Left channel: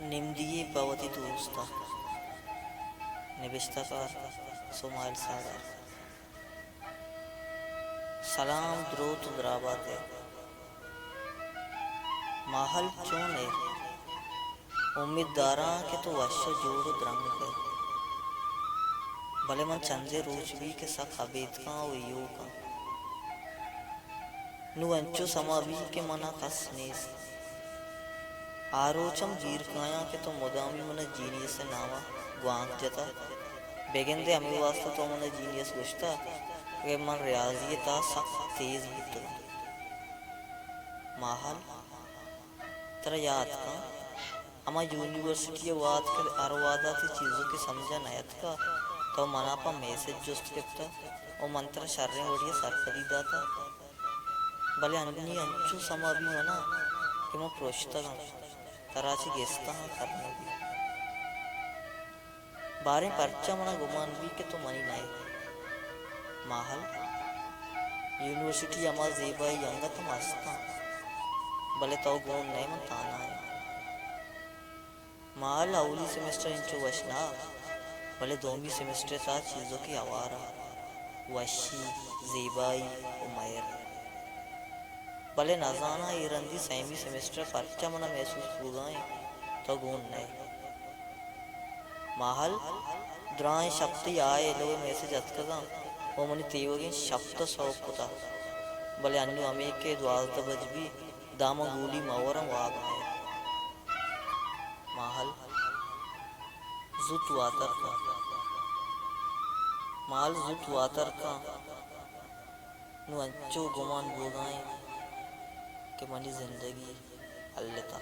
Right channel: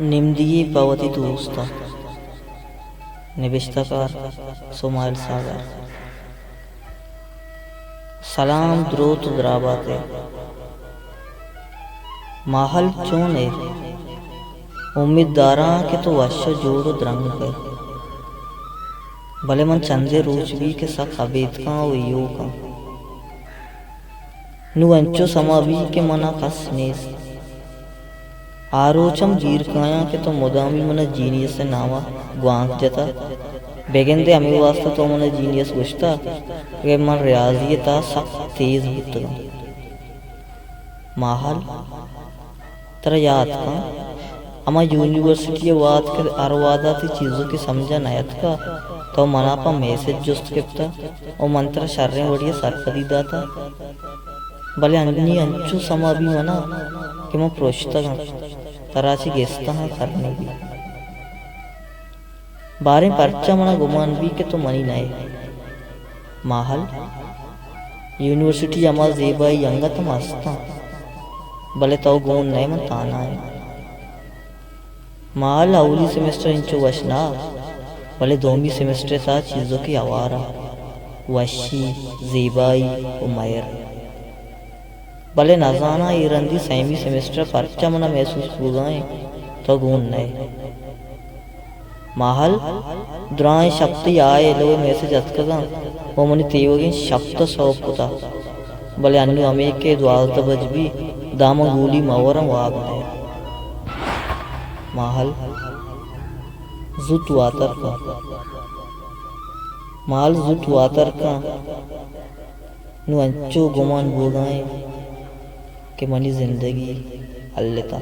निम्दिये पवती दोस्ता निविष्टकार सुमाइल सागर सलाम द्रोत द्राबाते माहल चोने उम्मीददारा के तो वश जोड़ो द्रंग पे भले मन चंदे रोचवी के सख अबेद का वयो का नु अंचो समावी के मना कसनेस आरोचम दीर्घाया के तो मुदामी मन जीनियस से नावा ग्वांक जता बेगेंदे अमी वास्ता तो मन जीनियस गुश्ता वे मन रियाजियता सख तेज बुतगा माहल तरह याद का अमा यूनिवर्सिटी वाद के अरवादा थी चीज़ों की समझा नयत का तो मना पा मैसेज जुस्त किप्ता और मंत्र शर्रें वड़िया सरकदी दाता भले अन्नी अंचु समा भी मना कि मैं प्रोश्ता तराची गेस्ता है करने भी बारे परचा मना गुमान भी के तो मनी नाए माहल यूनिवर्सिटी अमा जेबाई यंगा तो मस्ता भले तो गुण नए मन ताना है माहल अवली सेमेस्टर इंचो वशना भले दोमी सेमेस्टर था चीज़ों की आवारा वशी जेबाई उमैर भले नजाना इरंदी सैमी सेमेस्टर परचा मना महसूस बुगाएं तो गुण नए माहल द्राय शब्द आए लो मैसेज अतकदा वो मनी तेवगिन शब्द सौपुता भले अन्य अमे के द्वालत बजबी दाम गूली मवरम वाग है माहल जुट वातर का माल जुट वातर का नु अंचो गुमान बुगाएं के मनी जिंदगी अल्लेता।